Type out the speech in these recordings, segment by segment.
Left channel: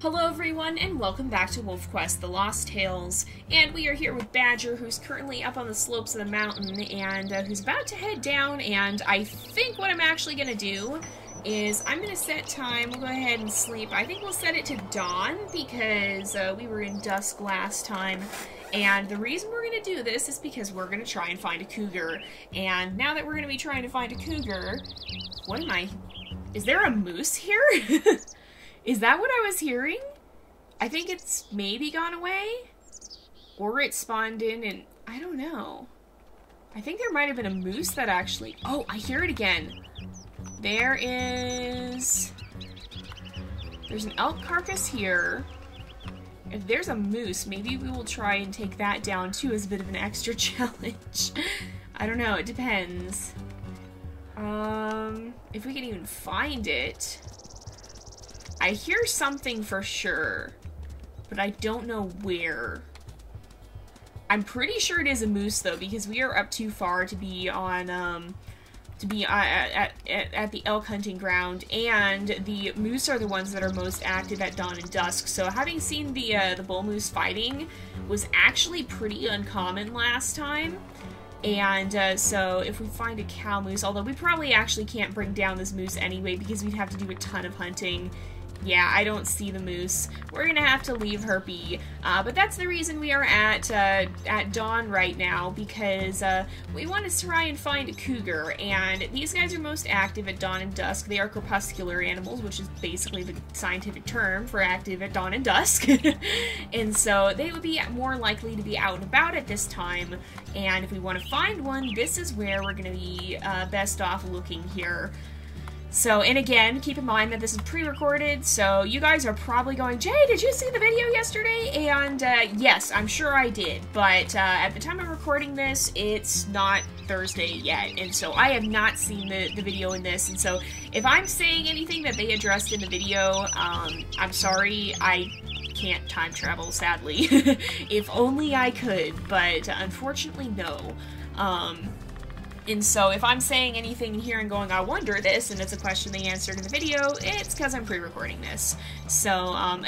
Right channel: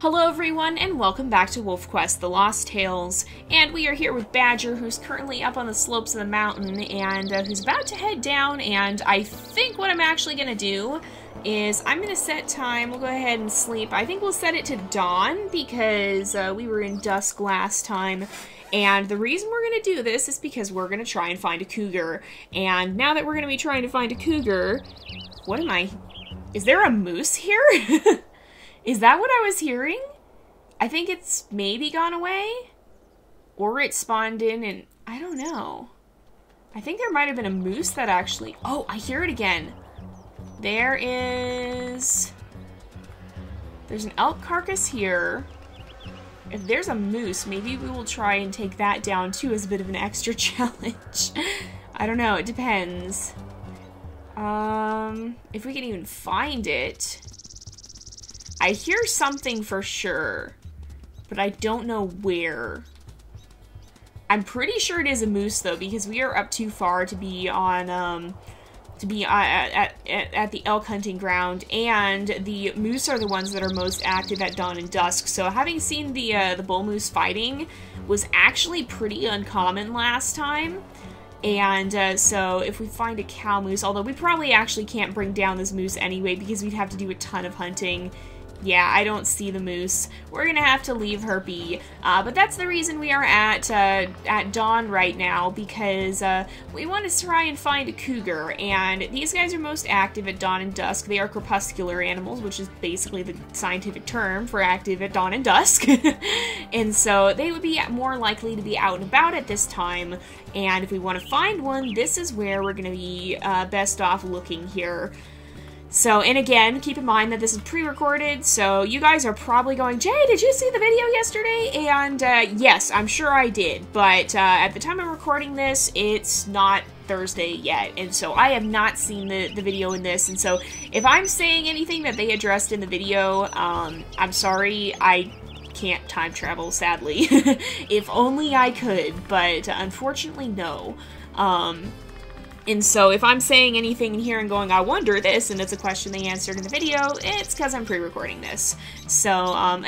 Hello everyone, and welcome back to WolfQuest, The Lost Tales, and we are here with Badger, who's currently up on the slopes of the mountain, and who's about to head down, and I think what I'm actually going to do is I'm going to set time. We'll go ahead and sleep. I think we'll set it to dawn, because we were in dusk last time, and the reason we're going to do this is because we're going to try and find a cougar, and now that we're going to be trying to find a cougar, what am I... Is there a moose here? Is that what I was hearing? I think it's maybe gone away? Or it spawned in and... I don't know. I think there might have been a moose that actually... Oh, I hear it again. There is... There's an elk carcass here. If there's a moose, maybe we will try and take that down too as a bit of an extra challenge. I don't know, it depends. If we can even find it... I hear something for sure, but I don't know where. I'm pretty sure it is a moose though, because we are up too far to be on, at the elk hunting ground, and the moose are the ones that are most active at dawn and dusk. So having seen the bull moose fighting was actually pretty uncommon last time. And so if we find a cow moose, although we probably actually can't bring down this moose anyway because we'd have to do a ton of hunting. Yeah, I don't see the moose. We're gonna have to leave her be. But that's the reason we are at dawn right now, because we want to try and find a cougar. And these guys are most active at dawn and dusk. They are crepuscular animals, which is basically the scientific term for active at dawn and dusk. And so they would be more likely to be out and about at this time. And if we want to find one, this is where we're gonna be best off looking here. So, and again, keep in mind that this is pre-recorded, so you guys are probably going, Jay, did you see the video yesterday? And, yes, I'm sure I did, but, at the time I'm recording this, it's not Thursday yet, and so I have not seen the video in this, and so if I'm saying anything that they addressed in the video, I'm sorry, I can't time travel, sadly. If only I could, but unfortunately, no. And so if I'm saying anything in here and going, I wonder this, and it's a question they answered in the video, it's because I'm pre-recording this. So,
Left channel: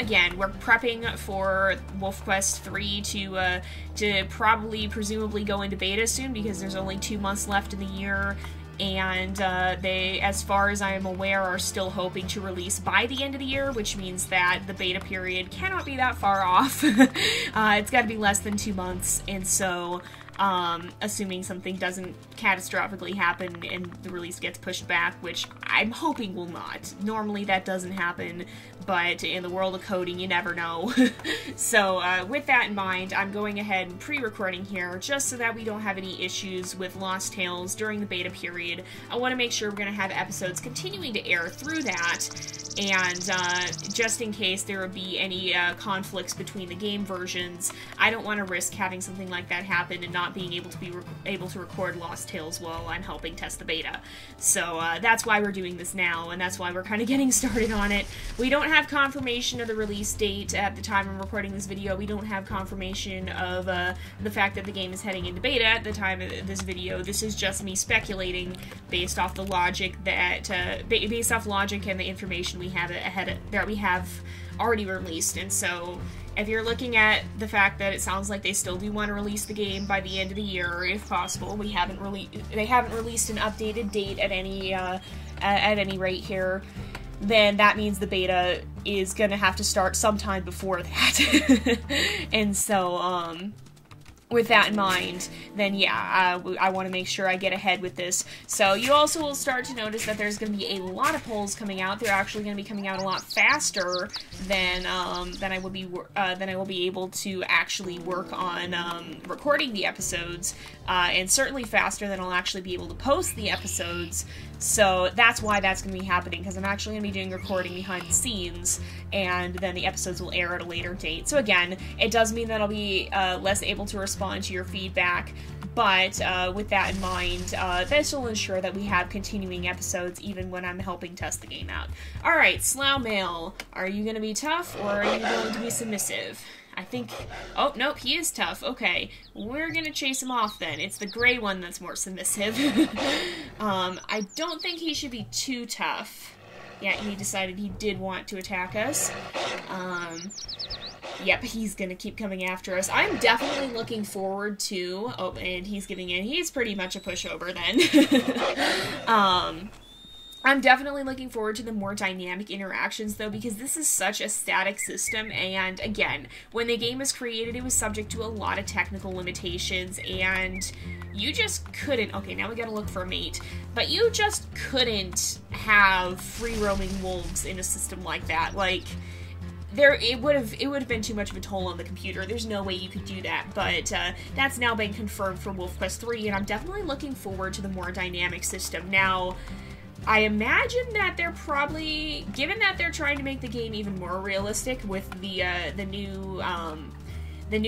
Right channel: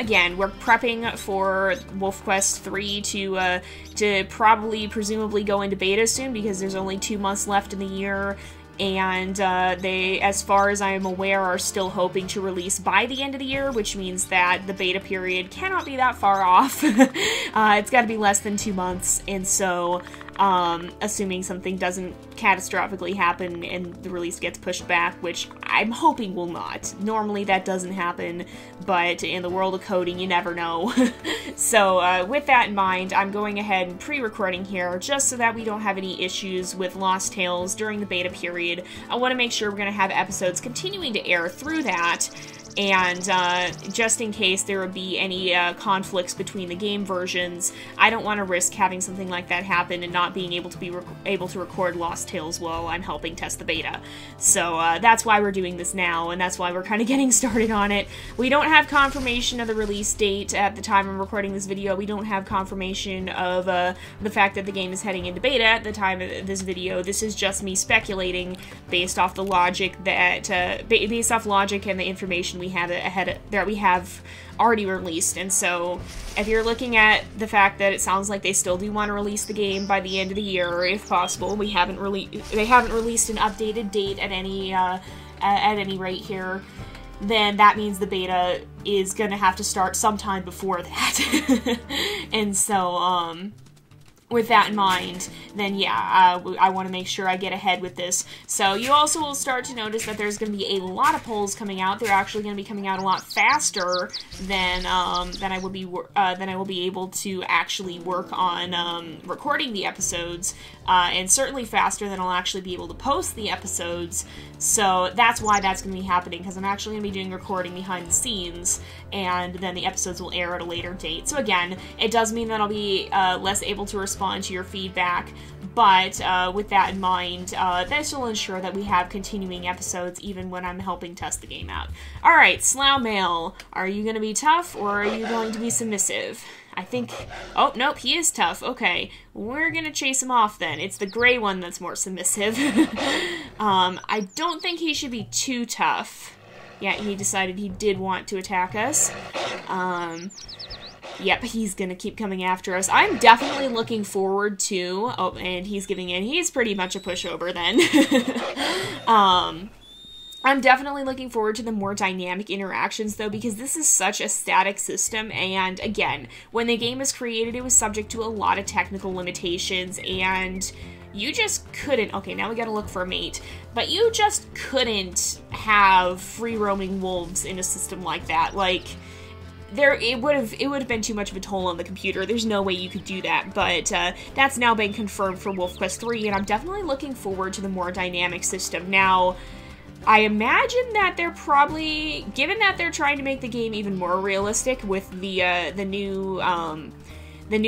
again, we're prepping for WolfQuest 3 to probably, presumably go into beta soon, because there's only 2 months left in the year, and they, as far as I am aware, are still hoping to release by the end of the year, which means that the beta period cannot be that far off. It's got to be less than 2 months, and so... assuming something doesn't catastrophically happen and the release gets pushed back, which I'm hoping will not. Normally that doesn't happen, but in the world of coding, you never know. So, with that in mind, I'm going ahead and pre-recording here, just so that we don't have any issues with Lost Tales during the beta period. I want to make sure we're going to have episodes continuing to air through that, and just in case there would be any conflicts between the game versions, I don't want to risk having something like that happen and not being able to be able to record Lost Tales while I'm helping test the beta. So that's why we're doing this now, and that's why we're kind of getting started on it. We don't have confirmation of the release date at the time I'm recording this video. We don't have confirmation of the fact that the game is heading into beta at the time of this video. This is just me speculating based off the logic that based off logic and the information we have that we have already released. And so if you're looking at the fact that it sounds like they still do want to release the game by the end of the year, if possible, they haven't released an updated date at any rate here, then that means the beta is gonna have to start sometime before that. And so with that in mind, then yeah, I want to make sure I get ahead with this. So you also will start to notice that there's going to be a lot of polls coming out. They're actually going to be coming out a lot faster than I will be able to actually work on recording the episodes, and certainly faster than I'll actually be able to post the episodes. So that's why that's going to be happening, because I'm actually going to be doing recording behind the scenes, and then the episodes will air at a later date. So again, it does mean that I'll be less able to respond to your feedback, but with that in mind, this will ensure that we have continuing episodes even when I'm helping test the game out. Alright, Slough Male, are you going to be tough, or are you going to be submissive? I think... Oh, nope, he is tough. Okay, we're gonna chase him off then. It's the gray one that's more submissive. I don't think he should be too tough. Yeah, he decided he did want to attack us. Yep, he's gonna keep coming after us. I'm definitely looking forward to... Oh, and he's giving in. He's pretty much a pushover then. I'm definitely looking forward to the more dynamic interactions, though, because this is such a static system, and again, when the game was created, it was subject to a lot of technical limitations, and you just couldn't... Okay, now we gotta look for a mate. But you just couldn't have free-roaming wolves in a system like that. Like... it would have been too much of a toll on the computer. There's no way you could do that, but that's now been confirmed for WolfQuest 3, and I'm definitely looking forward to the more dynamic system. Now, I imagine that they're probably, given that they're trying to make the game even more realistic with the new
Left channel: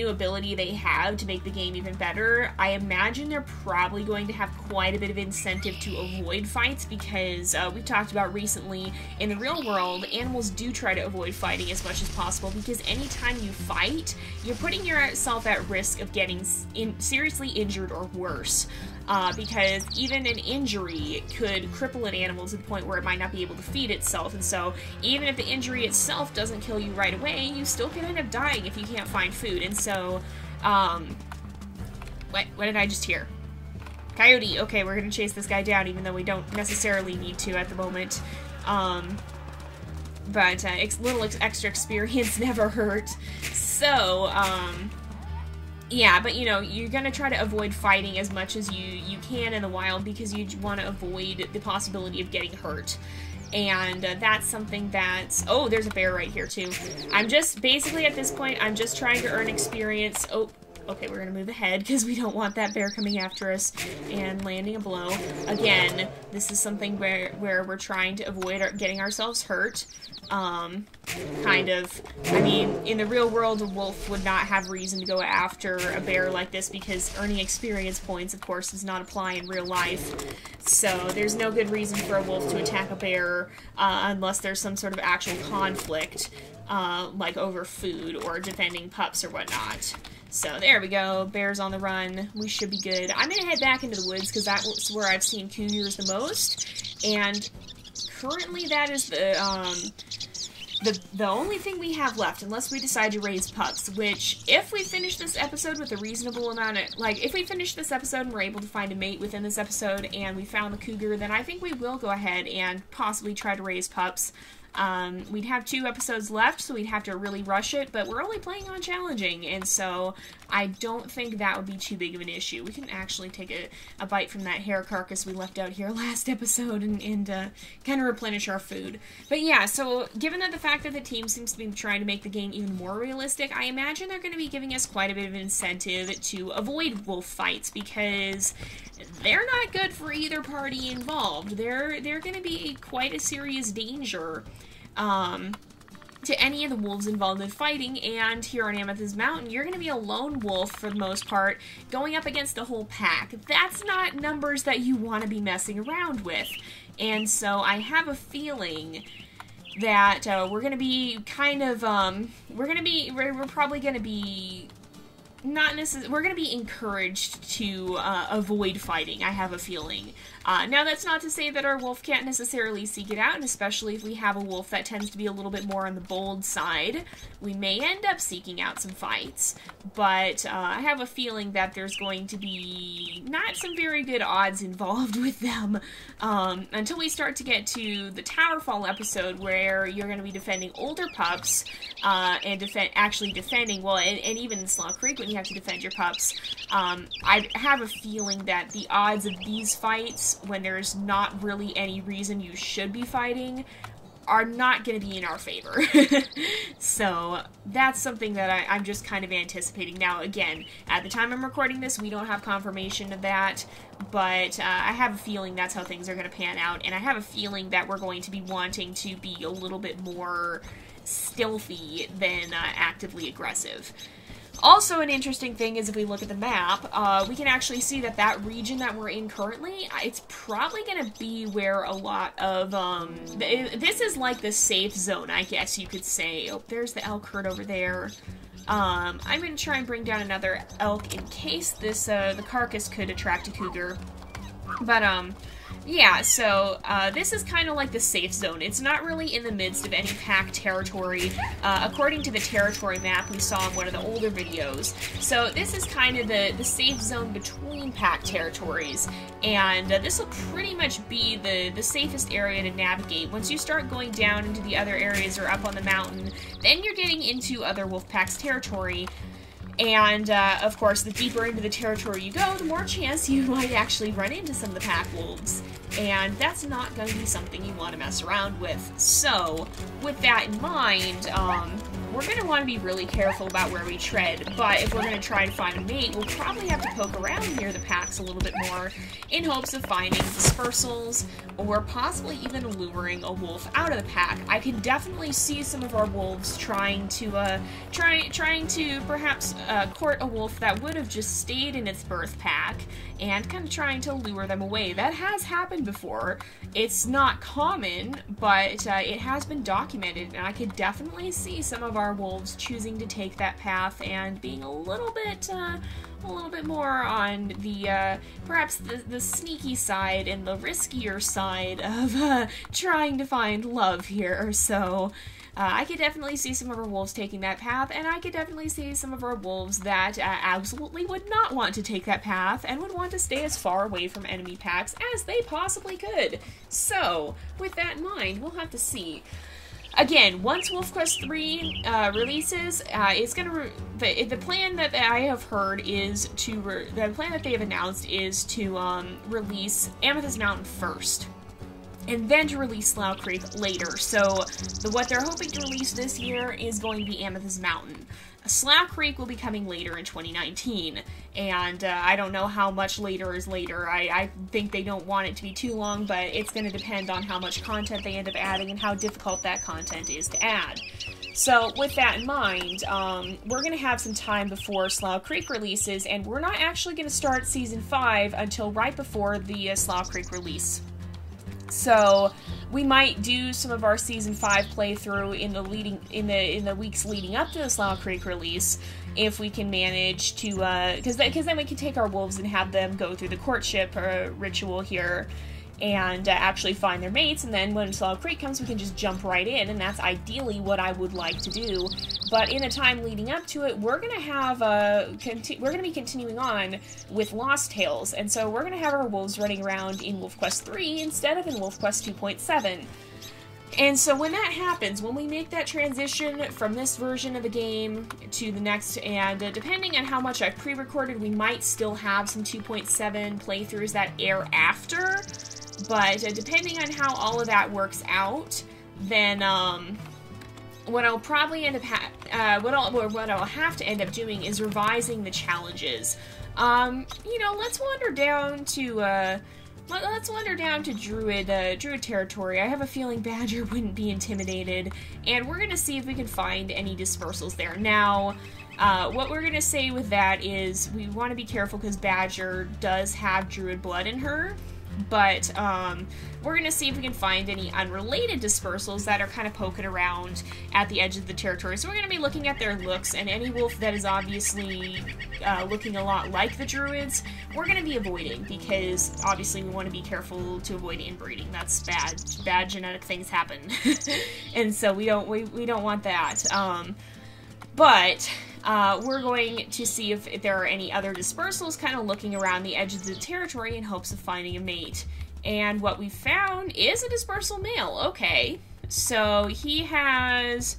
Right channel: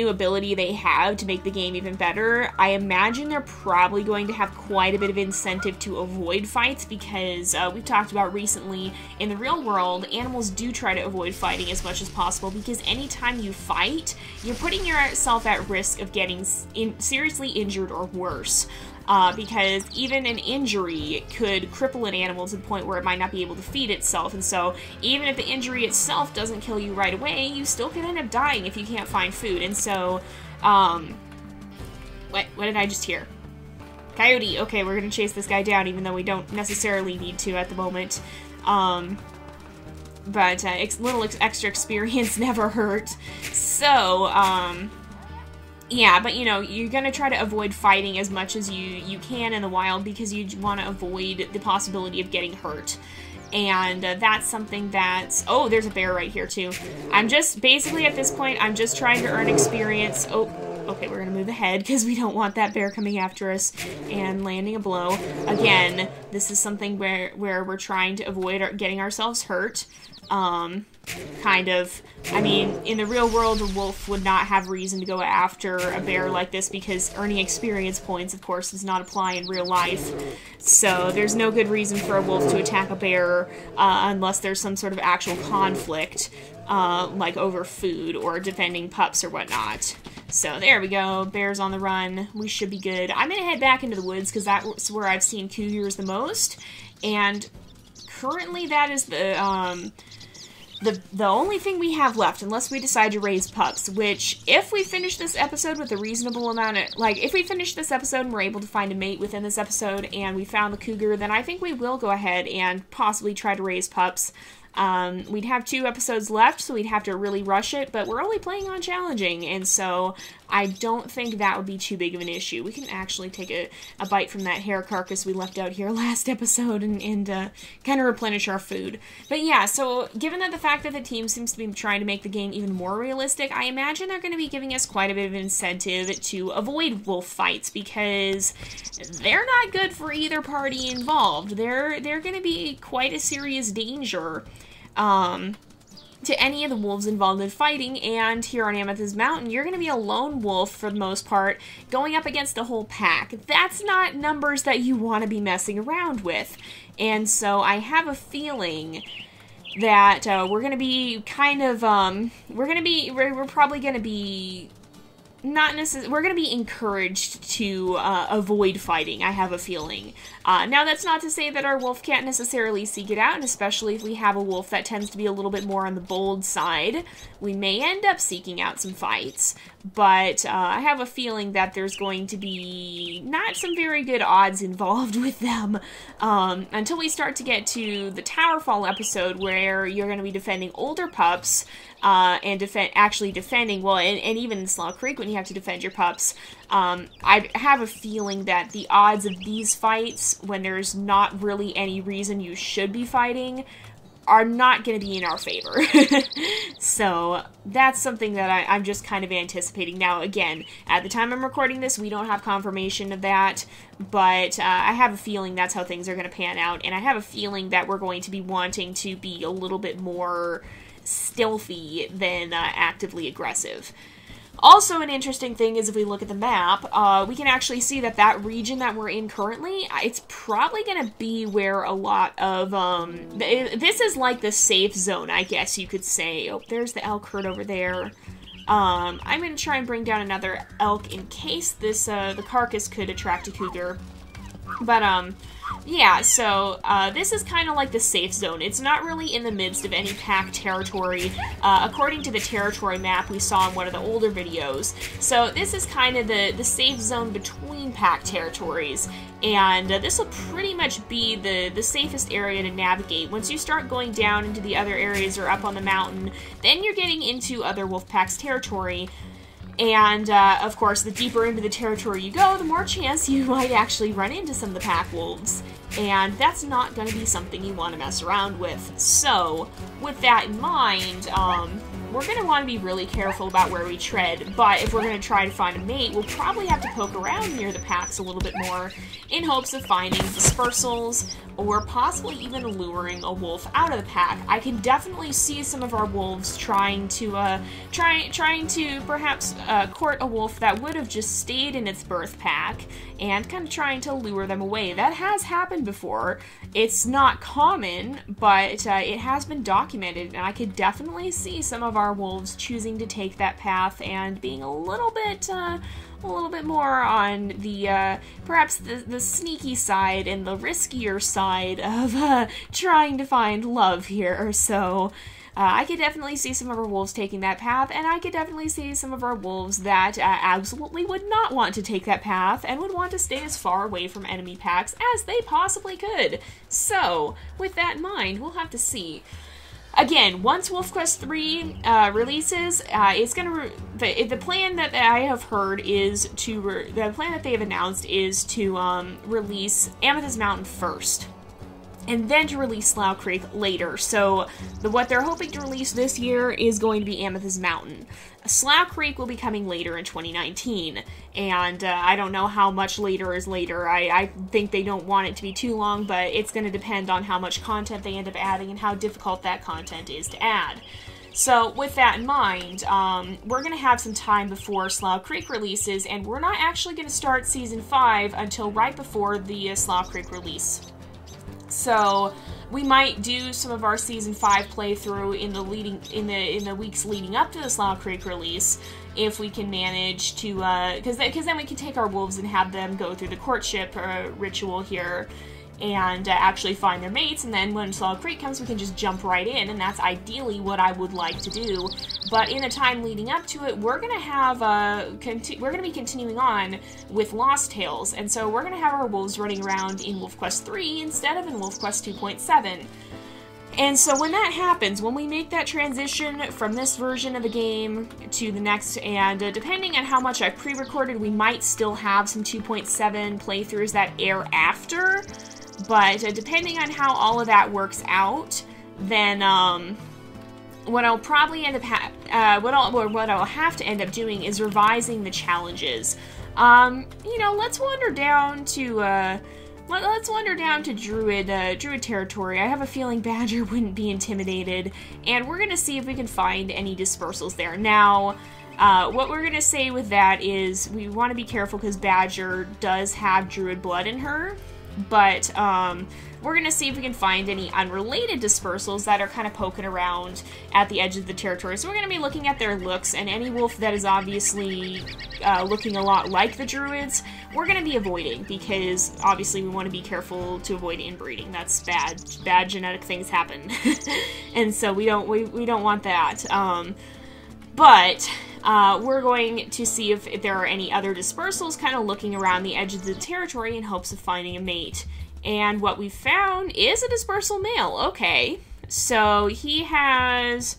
ability they have to make the game even better, I imagine they're probably going to have quite a bit of incentive to avoid fights, because we've talked about recently, in the real world, animals do try to avoid fighting as much as possible, because anytime you fight, you're putting yourself at risk of getting seriously injured or worse. Because even an injury could cripple an animal to the point where it might not be able to feed itself, and so even if the injury itself doesn't kill you right away, you still can end up dying if you can't find food. And so, what did I just hear? Coyote. Okay, we're gonna chase this guy down, even though we don't necessarily need to at the moment. But little extra experience never hurt. So, yeah, but you know, you're gonna try to avoid fighting as much as you can in the wild, because you want to avoid the possibility of getting hurt. And that's something that's... Oh, there's a bear right here too. I'm just, basically at this point, I'm just trying to earn experience. Oh, okay, we're gonna move ahead, because we don't want that bear coming after us and landing a blow. Again, this is something where we're trying to avoid getting ourselves hurt. Kind of, I mean, in the real world, a wolf would not have reason to go after a bear like this, because earning experience points, of course, does not apply in real life. So there's no good reason for a wolf to attack a bear unless there's some sort of actual conflict, like over food or defending pups or whatnot. So there we go, bear's on the run, we should be good. I'm gonna head back into the woods, because that's where I've seen cougars the most, and currently that is the only thing we have left, unless we decide to raise pups, which, if we finish this episode with a reasonable amount of, like, if we finish this episode and we're able to find a mate within this episode, and we found the cougar, then I think we will go ahead and possibly try to raise pups. We'd have 2 episodes left, so we'd have to really rush it, but we're only playing on challenging, and so I don't think that would be too big of an issue. We can actually take a bite from that hare carcass we left out here last episode and kind of replenish our food. But yeah, so given that the fact that the team seems to be trying to make the game even more realistic, I imagine they're going to be giving us quite a bit of incentive to avoid wolf fights, because they're not good for either party involved. They're going to be quite a serious danger to any of the wolves involved in fighting, and here on Amethyst Mountain, you're going to be a lone wolf for the most part, going up against the whole pack. That's not numbers that you want to be messing around with, and so I have a feeling that we're going to be kind of, we're probably going to be not necessarily, we're going to be encouraged to avoid fighting, I have a feeling. Now, that's not to say that our wolf can't necessarily seek it out, and especially if we have a wolf that tends to be a little bit more on the bold side, we may end up seeking out some fights, but I have a feeling that there's going to be not some very good odds involved with them until we start to get to the Towerfall episode, where you're going to be defending older pups, and actually defending, well, and even in Slaw Creek when you have to defend your pups. I have a feeling that the odds of these fights, when there's not really any reason you should be fighting, are not going to be in our favor. So that's something that I'm just kind of anticipating. Now, again, at the time I'm recording this, we don't have confirmation of that, but I have a feeling that's how things are going to pan out, and I have a feeling that we're going to be wanting to be a little bit more stealthy than actively aggressive. Also, an interesting thing is, if we look at the map, we can actually see that that region that we're in currently, it's probably going to be where a lot of, this is like the safe zone, I guess you could say. Oh, there's the elk herd over there. I'm going to try and bring down another elk in case this, the carcass could attract a cougar. But, Yeah, so this is kind of like the safe zone. It's not really in the midst of any pack territory, according to the territory map we saw in one of the older videos. So this is kind of the safe zone between pack territories, and this will pretty much be the safest area to navigate. Once you start going down into the other areas or up on the mountain, then you're getting into other wolf packs territory. And, of course, the deeper into the territory you go, the more chance you might actually run into some of the pack wolves. And that's not going to be something you want to mess around with. So, with that in mind, we're going to want to be really careful about where we tread. But if we're going to try and find a mate, we'll probably have to poke around near the packs a little bit more in hopes of finding dispersals or possibly even luring a wolf out of the pack. I can definitely see some of our wolves trying to perhaps court a wolf that would have just stayed in its birth pack and kind of trying to lure them away. That has happened before. It's not common, but it has been documented, and I could definitely see some of our wolves choosing to take that path and being a little bit more on the, perhaps the sneaky side and the riskier side of trying to find love here. So I could definitely see some of our wolves taking that path, and I could definitely see some of our wolves that absolutely would not want to take that path and would want to stay as far away from enemy packs as they possibly could. So, with that in mind, we'll have to see. Again, once WolfQuest 3 releases, it's gonna the plan that I have heard is to the plan that they have announced is to release Amethyst Mountain first, and then to release Slough Creek later. So what they're hoping to release this year is going to be Amethyst Mountain. Slough Creek will be coming later in 2019, and I don't know how much later is later. I think they don't want it to be too long, but it's going to depend on how much content they end up adding and how difficult that content is to add. So with that in mind, we're going to have some time before Slough Creek releases, and we're not actually going to start Season 5 until right before the Slough Creek release. So we might do some of our Season 5 playthrough in the weeks leading up to the Slough Creek release, if we can manage to, because then we can take our wolves and have them go through the courtship ritual here and actually find their mates, and then when Slough Creek comes, we can just jump right in, and that's ideally what I would like to do. But in the time leading up to it, we're gonna have we're gonna be continuing on with Lost Tales, and so we're gonna have our wolves running around in WolfQuest 3 instead of in WolfQuest 2.7. And so when that happens, when we make that transition from this version of the game to the next, and depending on how much I pre-recorded, we might still have some 2.7 playthroughs that air after, but depending on how all of that works out, then what I'll probably end up what I'll have to end up doing is revising the challenges. You know, let's wander down to Druid territory. I have a feeling Badger wouldn't be intimidated, and we're gonna see if we can find any dispersals there. Now, what we're gonna say with that is we want to be careful because Badger does have Druid blood in her, but we're gonna see if we can find any unrelated dispersals that are kind of poking around at the edge of the territory. So we're gonna be looking at their looks, and any wolf that is obviously looking a lot like the Druids, we're gonna be avoiding, because obviously we want to be careful to avoid inbreeding. That's bad. Bad genetic things happen, and so we don't want that. But we're going to see if there are any other dispersals kind of looking around the edges of the territory in hopes of finding a mate. And what we found is a dispersal male. Okay, so he has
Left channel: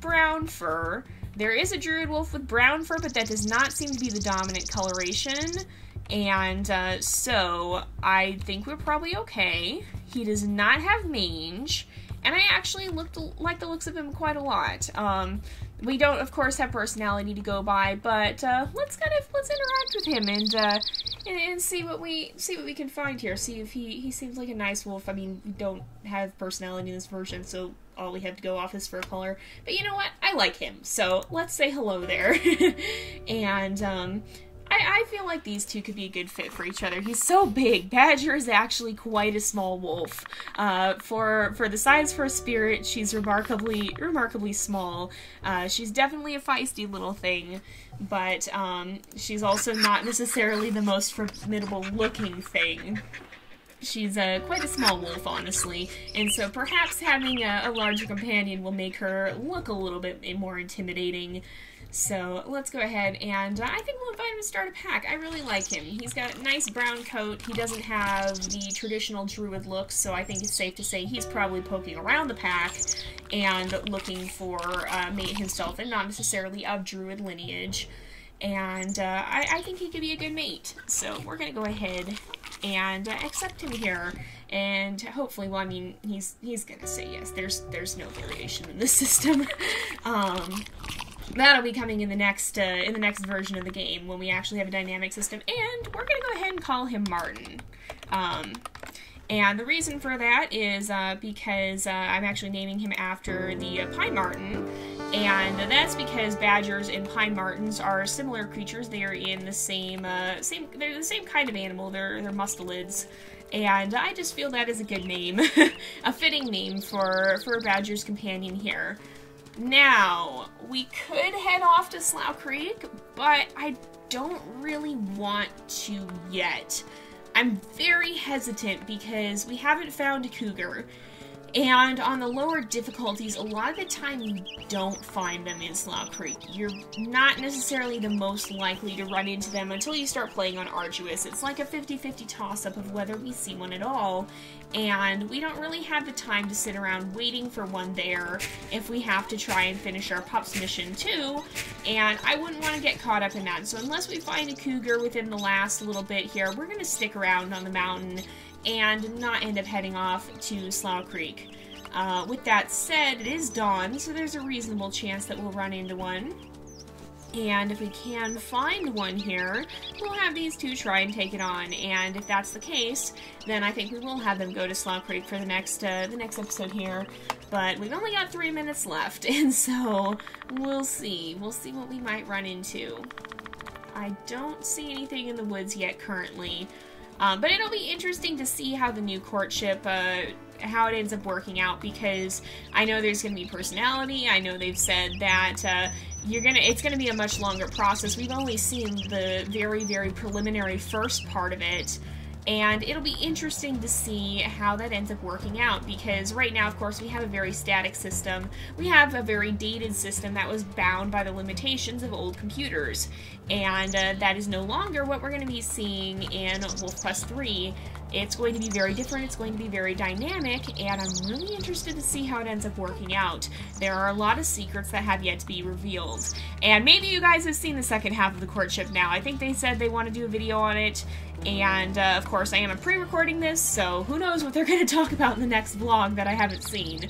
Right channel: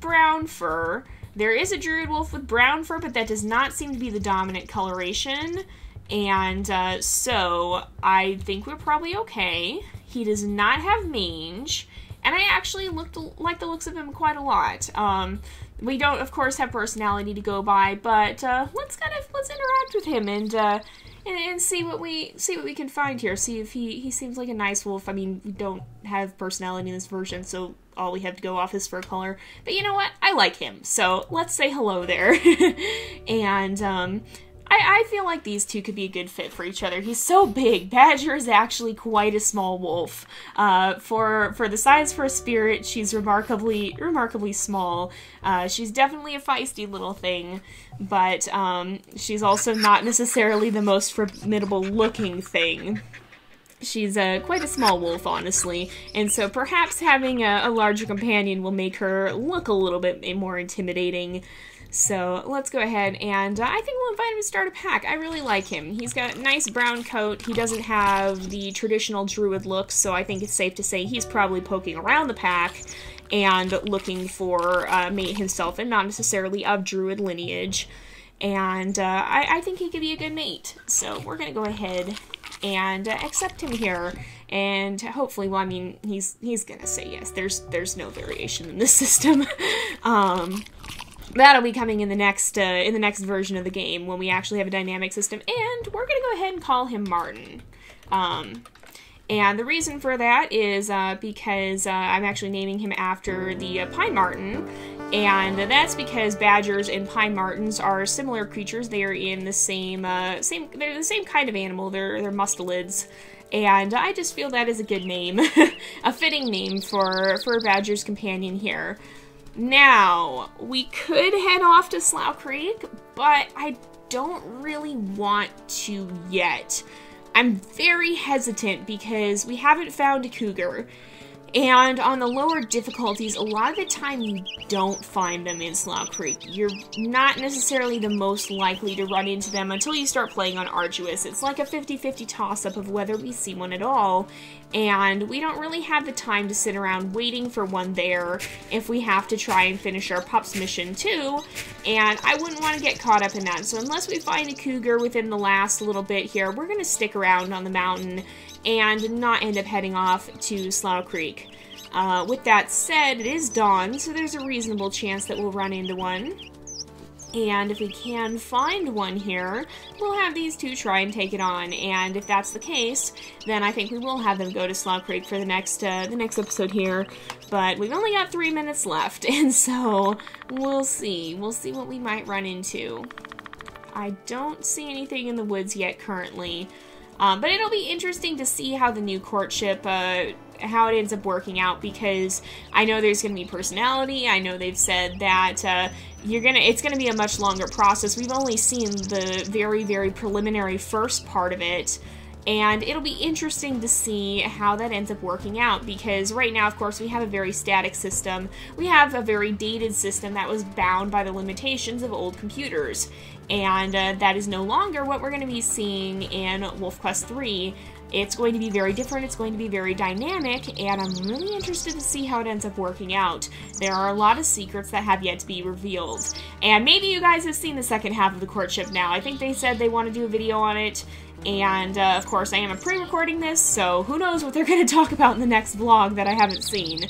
brown fur. There is a Druid wolf with brown fur, but that does not seem to be the dominant coloration. And so I think we're probably okay. He does not have mange, and I actually like the looks of him quite a lot. We don't, of course, have personality to go by, but let's interact with him and see what we can find here. See if he seems like a nice wolf. I mean, we don't have personality in this version, so all we have to go off is fur color. But you know what? I like him, so let's say hello there. And I feel like these two could be a good fit for each other. He's so big. Badger is actually quite a small wolf. For the size for a spirit, she's remarkably small. She's definitely a feisty little thing, but she's also not necessarily the most formidable looking thing. She's quite a small wolf, honestly, and so perhaps having a larger companion will make her look a little bit more intimidating. So let's go ahead and I think we'll invite him to start a pack. I really like him. He's got a nice brown coat. He doesn't have the traditional druid look, so I think it's safe to say he's probably poking around the pack and looking for a mate himself, and not necessarily of druid lineage. And I think he could be a good mate. So we're going to go ahead and accept him here. And hopefully, well, I mean, he's going to say yes. There's no variation in this system. That'll be coming in the next version of the game when we actually have a dynamic system, and we're gonna go ahead and call him Martin. And the reason for that is because I'm actually naming him after the Pine Marten, and that's because badgers and pine martens are similar creatures. They are in the they're the same kind of animal. They're mustelids. And I just feel that is a good name, a fitting name for a badger's companion here. Now, we could head off to Slough Creek, but I don't really want to yet. I'm very hesitant because we haven't found a cougar, and on the lower difficulties, a lot of the time you don't find them in Slough Creek. You're not necessarily the most likely to run into them until you start playing on Arduous. It's like a 50-50 toss-up of whether we see one at all, and we don't really have the time to sit around waiting for one there if we have to try and finish our pups mission too, and I wouldn't want to get caught up in that. So unless we find a cougar within the last little bit here, we're going to stick around on the mountain and not end up heading off to Slough Creek. With that said, it is dawn, so there's a reasonable chance that we'll run into one. And if we can find one here, we'll have these two try and take it on. And if that's the case, then I think we will have them go to Slough Creek for the next episode here. But we've only got 3 minutes left, and so we'll see. We'll see what we might run into. I don't see anything in the woods yet currently. But it'll be interesting to see how the new courtship, how it ends up working out, because I know there's going to be personality. I know they've said that it's going to be a much longer process. We've only seen the very, very preliminary first part of it, and it'll be interesting to see how that ends up working out, because right now, of course, we have a very static system. We have a very dated system that was bound by the limitations of old computers, and that is no longer what we're going to be seeing in WolfQuest 3. It's going to be very different, it's going to be very dynamic, and I'm really interested to see how it ends up working out. There are a lot of secrets that have yet to be revealed. And maybe you guys have seen the second half of the courtship now. I think they said they want to do a video on it, and of course I am pre-recording this, so who knows what they're going to talk about in the next vlog that I haven't seen.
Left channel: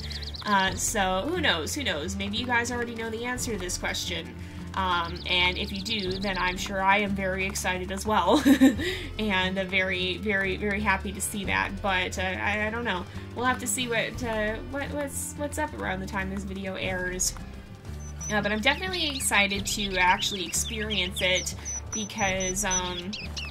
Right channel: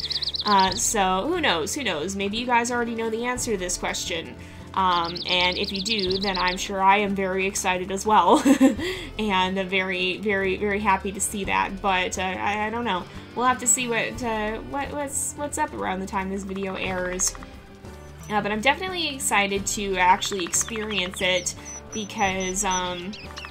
So who knows, maybe you guys already know the answer to this question. And if you do, then I'm sure I am very excited as well, and very, very, very happy to see that. But I don't know. We'll have to see what's up around the time this video airs. But I'm definitely excited to actually experience it, because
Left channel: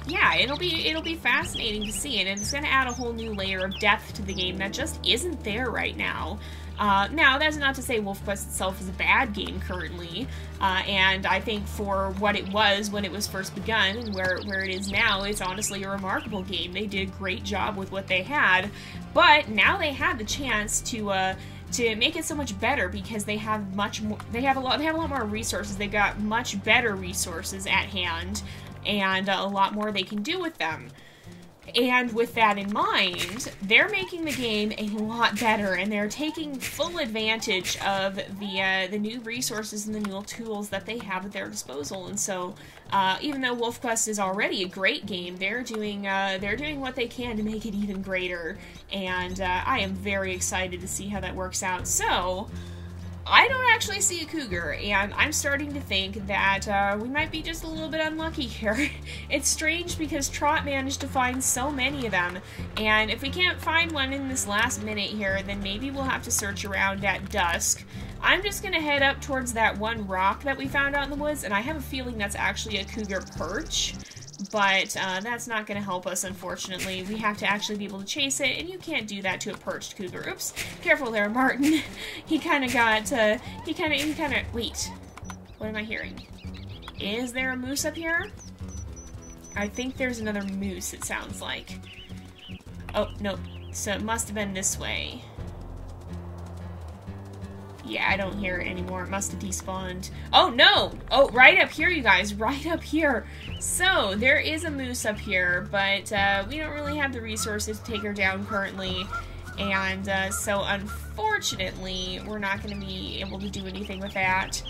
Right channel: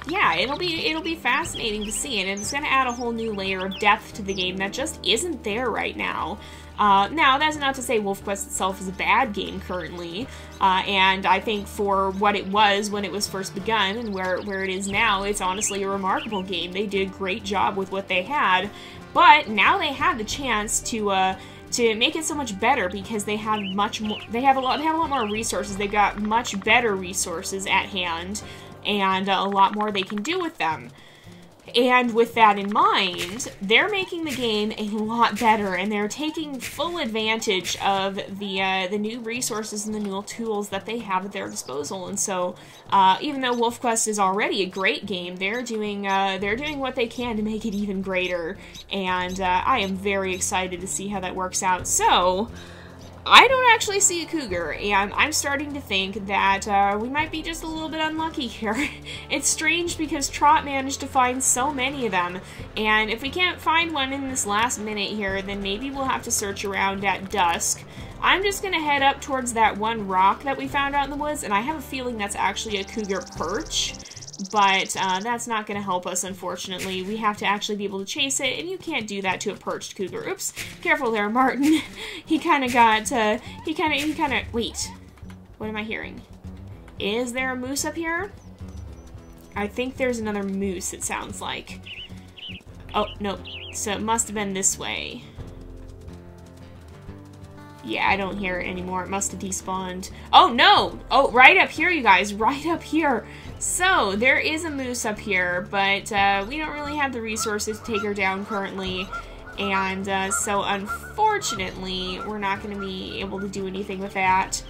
yeah, it'll be fascinating to see, and it's going to add a whole new layer of depth to the game that just isn't there right now. Now, that's not to say WolfQuest itself is a bad game currently, and I think for what it was when it was first begun and where it is now, it's honestly a remarkable game. They did a great job with what they had, but now they have the chance to make it so much better, because they have a lot more resources. They've got much better resources at hand, and a lot more they can do with them. And with that in mind, they're making the game a lot better, and they're taking full advantage of the new resources and the new tools that they have at their disposal. And so, even though WolfQuest is already a great game, they're doing what they can to make it even greater. And I am very excited to see how that works out. So, I don't actually see a cougar, and I'm starting to think that we might be just a little bit unlucky here. It's strange because Trot managed to find so many of them, and if we can't find one in this last minute here, then maybe we'll have to search around at dusk. I'm just going to head up towards that one rock that we found out in the woods, and I have a feeling that's actually a cougar perch. But that's not going to help us, unfortunately. We have to actually be able to chase it, and you can't do that to a perched cougar. Oops, careful there, Martin. He kind of got, wait, what am I hearing? Is there a moose up here? I think there's another moose, it sounds like. Oh, no. So it must have been this way. Yeah, I don't hear it anymore. It must have despawned. Oh, no! Oh, right up here, you guys. Right up here. So, there is a moose up here, but we don't really have the resources to take her down currently. And so, unfortunately, we're not going to be able to do anything with that.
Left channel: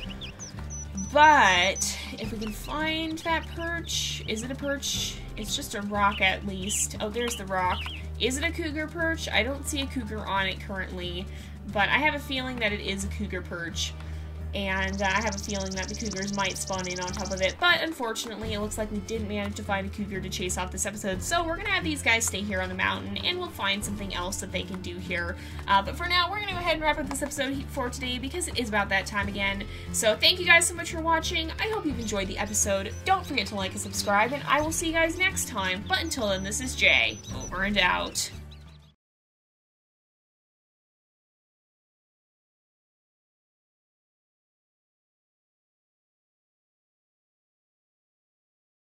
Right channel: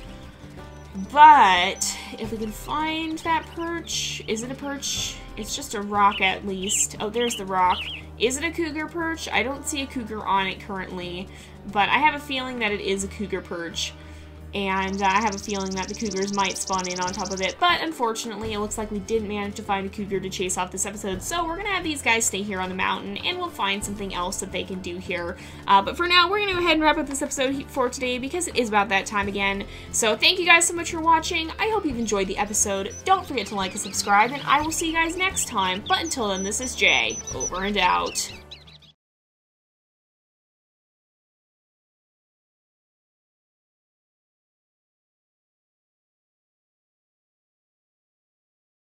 But, if we can find that perch... Is it a perch? It's just a rock, at least. Oh, there's the rock. Is it a cougar perch? I don't see a cougar on it currently. But I have a feeling that it is a cougar perch, and I have a feeling that the cougars might spawn in on top of it, but unfortunately it looks like we didn't manage to find a cougar to chase off this episode, so we're going to have these guys stay here on the mountain, and we'll find something else that they can do here. But for now, we're going to go ahead and wrap up this episode for today, because it is about that time again. So thank you guys so much for watching. I hope you've enjoyed the episode. Don't forget to like and subscribe, and I will see you guys next time. But until then, this is Jay, over and out.